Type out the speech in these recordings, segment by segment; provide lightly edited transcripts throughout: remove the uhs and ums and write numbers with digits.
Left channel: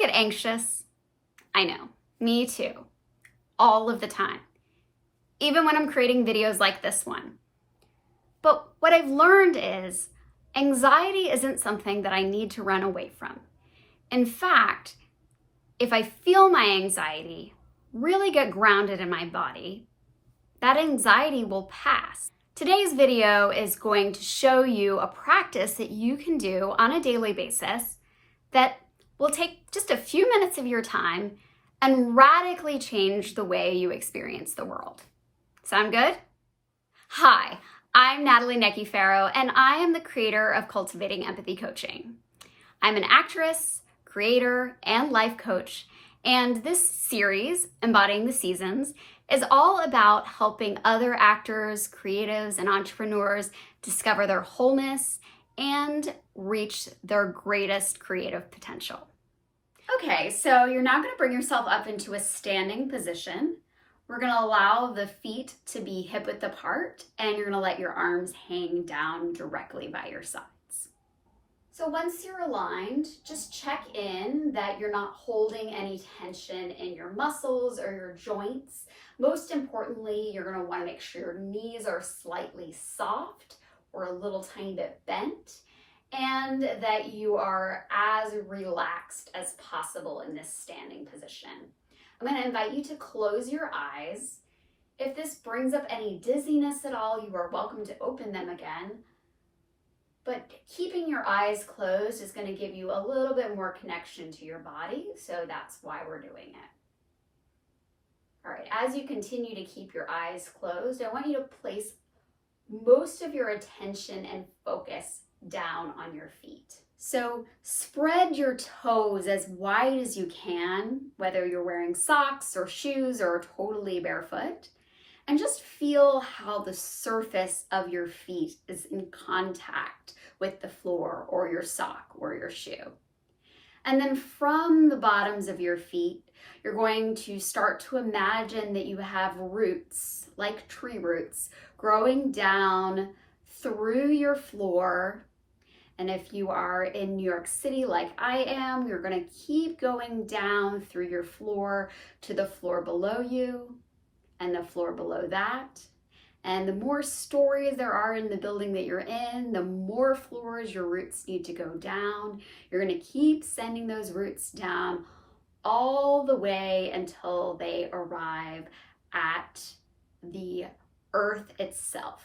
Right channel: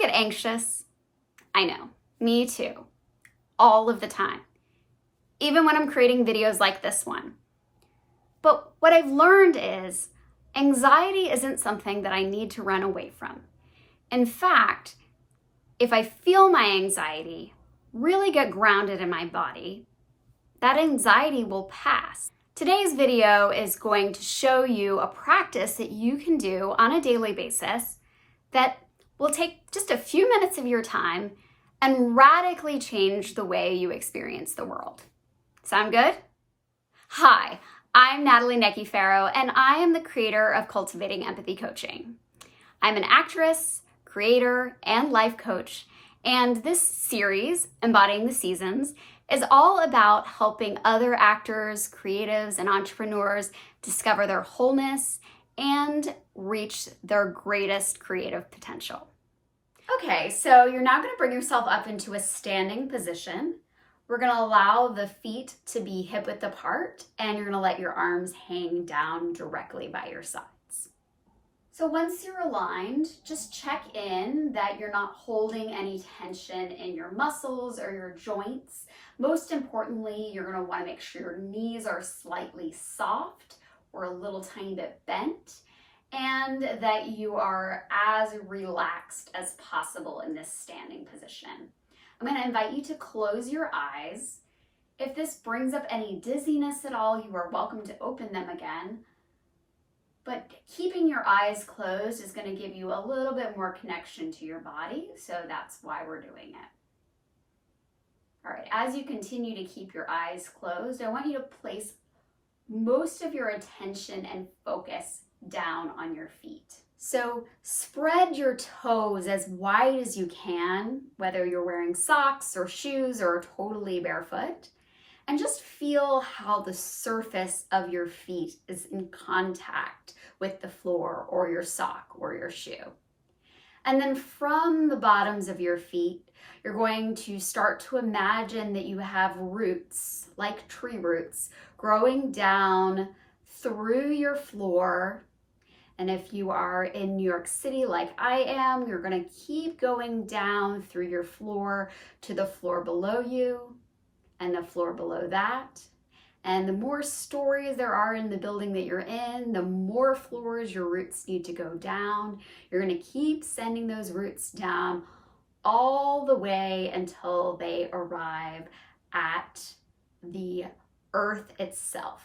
get anxious. I know, me too, all of the time, even when I'm creating videos like this one. But what I've learned is anxiety isn't something that I need to run away from. In fact, if I feel my anxiety, really get grounded in my body, that anxiety will pass. Today's video is going to show you a practice that you can do on a daily basis that will take just a few minutes of your time and radically change the way you experience the world. Sound good? Hi, I'm Natalie Necchi-Farrow, and I am the creator of Cultivating Empathy Coaching. I'm an actress, creator, and life coach, and this series, Embodying the Seasons, is all about helping other actors, creatives, and entrepreneurs discover their wholeness and reach their greatest creative potential. Okay, so you're now going to bring yourself up into a standing position. We're going to allow the feet to be hip-width apart, and you're going to let your arms hang down directly by your sides. So once you're aligned, just check in that you're not holding any tension in your muscles or your joints. Most importantly, you're going to want to make sure your knees are slightly soft or a little tiny bit bent, and that you are as relaxed as possible in this standing position. I'm going to invite you to close your eyes. If this brings up any dizziness at all, you are welcome to open them again. But keeping your eyes closed is going to give you a little bit more connection to your body, so that's why we're doing it. All right, as you continue to keep your eyes closed, I want you to place most of your attention and focus down on your feet. So spread your toes as wide as you can, whether you're wearing socks or shoes or totally barefoot, and just feel how the surface of your feet is in contact with the floor or your sock or your shoe. And then from the bottoms of your feet, you're going to start to imagine that you have roots, like tree roots, growing down through your floor. And if you are in New York City like I am, you're going to keep going down through your floor to the floor below you and the floor below that. And the more stories there are in the building that you're in, the more floors your roots need to go down. You're going to keep sending those roots down all the way until they arrive at the earth itself.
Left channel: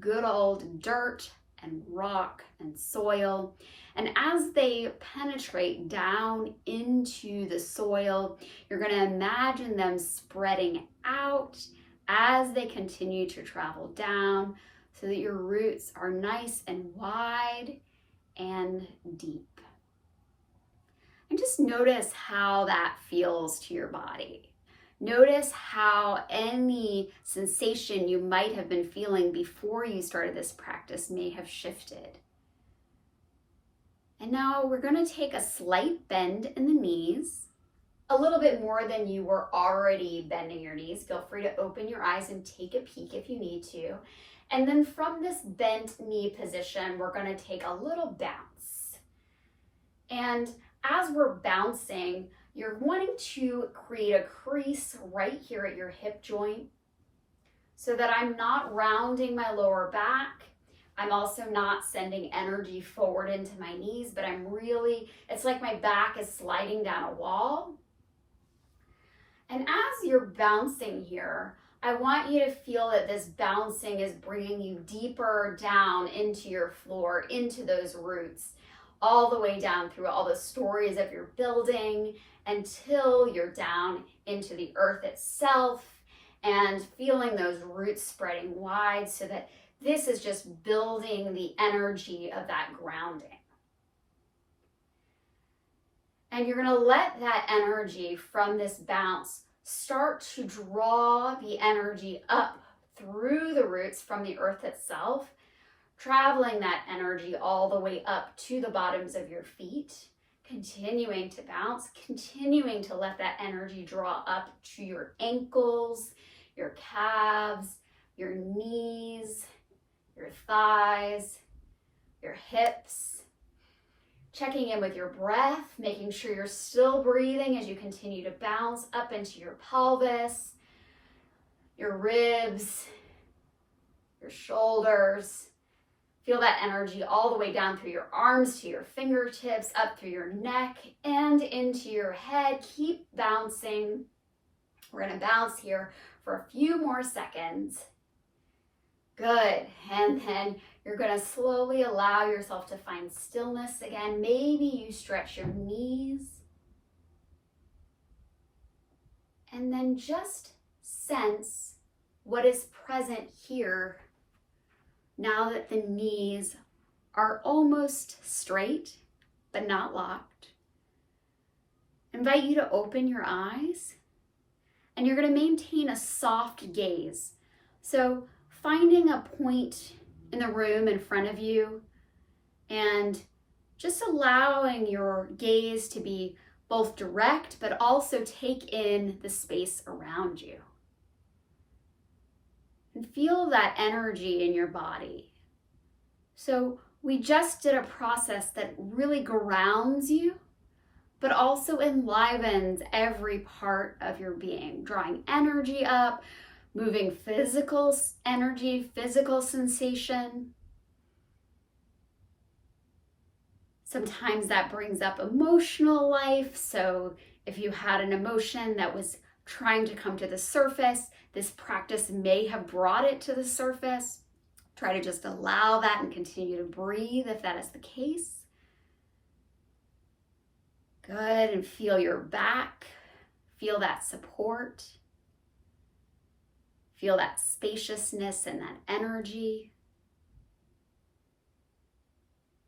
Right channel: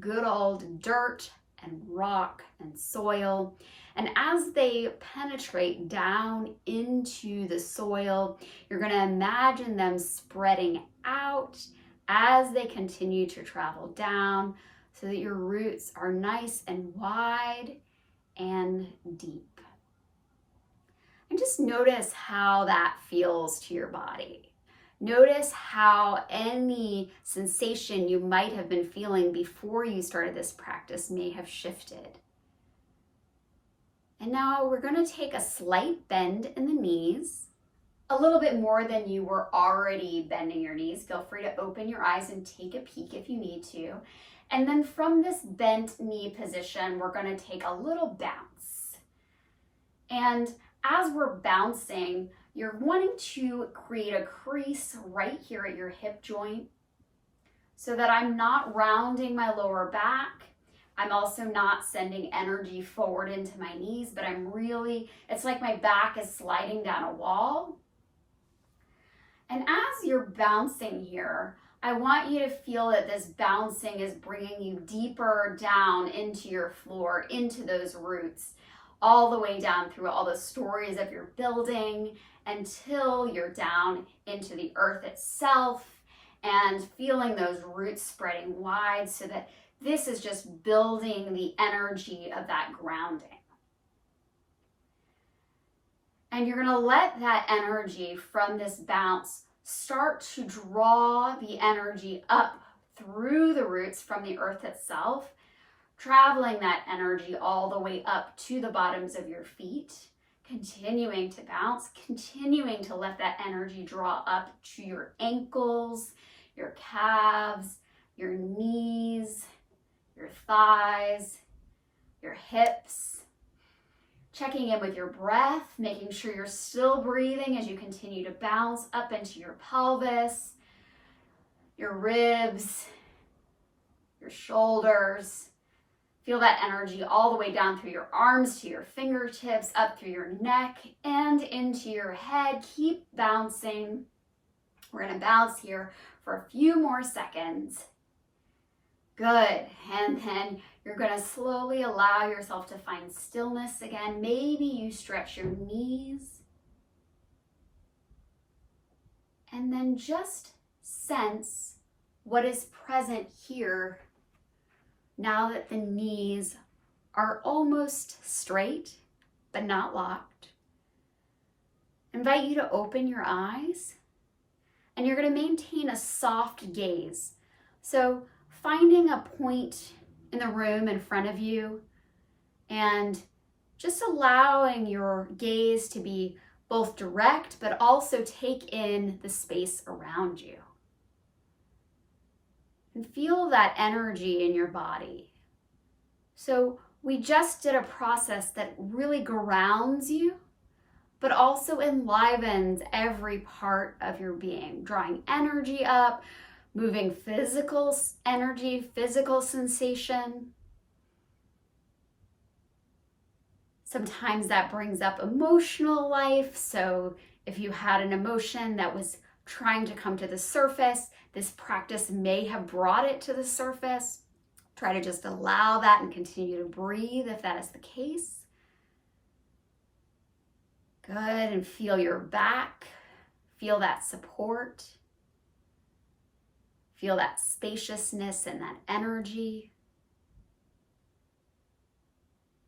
Good old dirt and rock and soil. And as they penetrate down into the soil, you're going to imagine them spreading out as they continue to travel down so that your roots are nice and wide and deep. And just notice how that feels to your body. Notice how any sensation you might have been feeling before you started this practice may have shifted. And now we're going to take a slight bend in the knees, a little bit more than you were already bending your knees. Feel free to open your eyes and take a peek if you need to. And then from this bent knee position, we're going to take a little bounce. And as we're bouncing, you're wanting to create a crease right here at your hip joint so that I'm not rounding my lower back. I'm also not sending energy forward into my knees, but it's like my back is sliding down a wall. And as you're bouncing here, I want you to feel that this bouncing is bringing you deeper down into your floor, into those roots, all the way down through all the stories of your building until you're down into the earth itself and feeling those roots spreading wide so that this is just building the energy of that grounding. And you're going to let that energy from this bounce start to draw the energy up through the roots from the earth itself, traveling that energy all the way up to the bottoms of your feet, continuing to bounce, continuing to let that energy draw up to your ankles, your calves, your knees, your thighs, your hips, Checking in with your breath, making sure you're still breathing as you continue to bounce up into your pelvis, your ribs, your shoulders. Feel that energy all the way down through your arms to your fingertips, up through your neck and into your head. Keep bouncing. We're going to bounce here for a few more seconds. Good. And then you're going to slowly allow yourself to find stillness again. Maybe you stretch your knees. And then just sense what is present here now that the knees are almost straight, but not locked. Invite you to open your eyes, and you're going to maintain a soft gaze. So finding a point in the room in front of you and just allowing your gaze to be both direct, but also take in the space around you. And feel that energy in your body. So we just did a process that really grounds you, but also enlivens every part of your being, drawing energy up, moving physical energy, physical sensation. Sometimes that brings up emotional life. So if you had an emotion that was trying to come to the surface, this practice may have brought it to the surface. Try to just allow that and continue to breathe if that is the case. Good, and feel your back. Feel that support. Feel that spaciousness and that energy.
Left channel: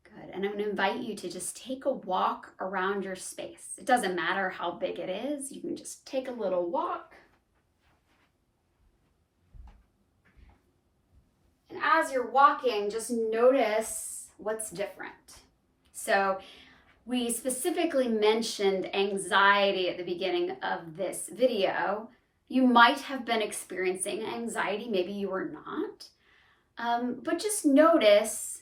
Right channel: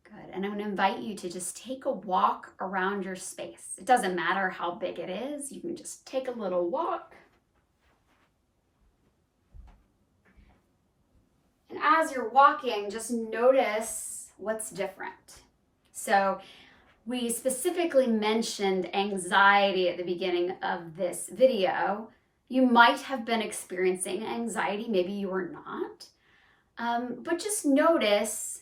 Good, and I'm going to invite you to just take a walk around your space. It doesn't matter how big it is. You can just take a little walk. And as you're walking, just notice what's different. So we specifically mentioned anxiety at the beginning of this video. You might have been experiencing anxiety, maybe you were not. But just notice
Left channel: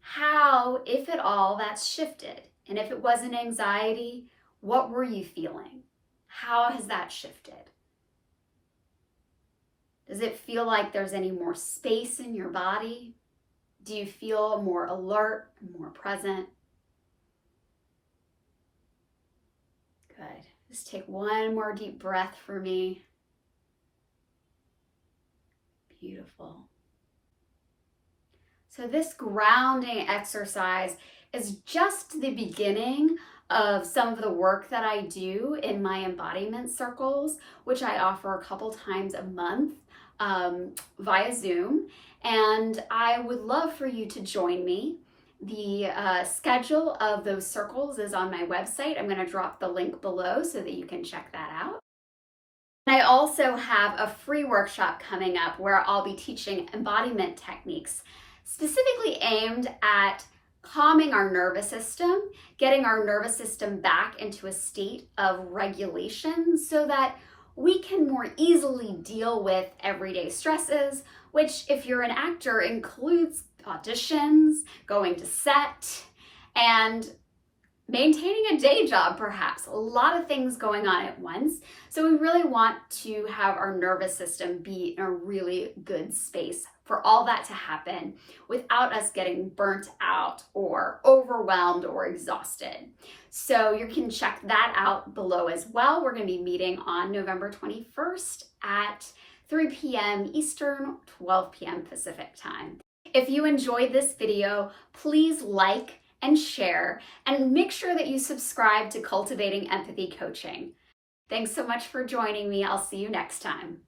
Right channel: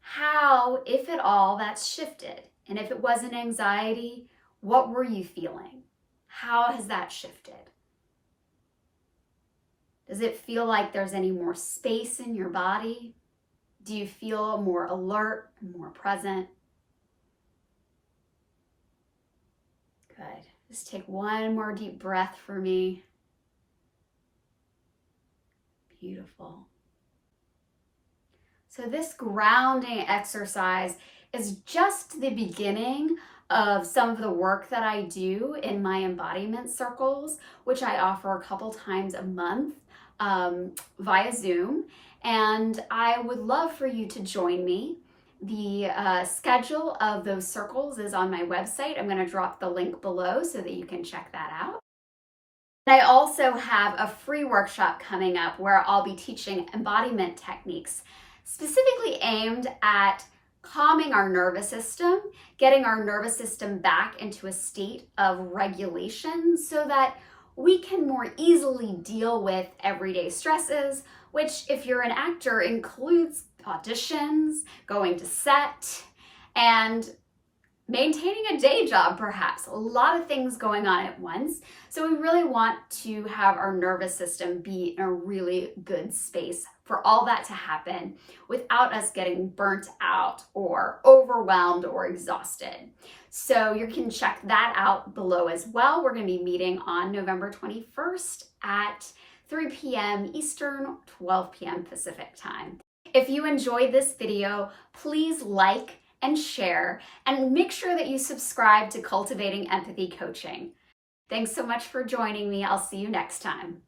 how, if at all, that's shifted. And if it wasn't anxiety, what were you feeling? How has that shifted? Does it feel like there's any more space in your body? Do you feel more alert, more present? Good. Just take one more deep breath for me. Beautiful. So this grounding exercise is just the beginning of some of the work that I do in my embodiment circles, which I offer a couple times a month via Zoom. And I would love for you to join me. The schedule of those circles is on my website. I'm going to drop the link below so that you can check that out. I also have a free workshop coming up where I'll be teaching embodiment techniques specifically aimed at calming our nervous system, getting our nervous system back into a state of regulation so that we can more easily deal with everyday stresses, which, if you're an actor, includes auditions, going to set, and maintaining a day job, perhaps. A lot of things going on at once. So we really want to have our nervous system be in a really good space for all that to happen without us getting burnt out or overwhelmed or exhausted. So you can check that out below as well. We're going to be meeting on November 21st at 3 p.m. Eastern, 12 p.m. Pacific time. If you enjoyed this video, please like and share, and make sure that you subscribe to Cultivating Empathy Coaching. Thanks so much for joining me. I'll see you next time.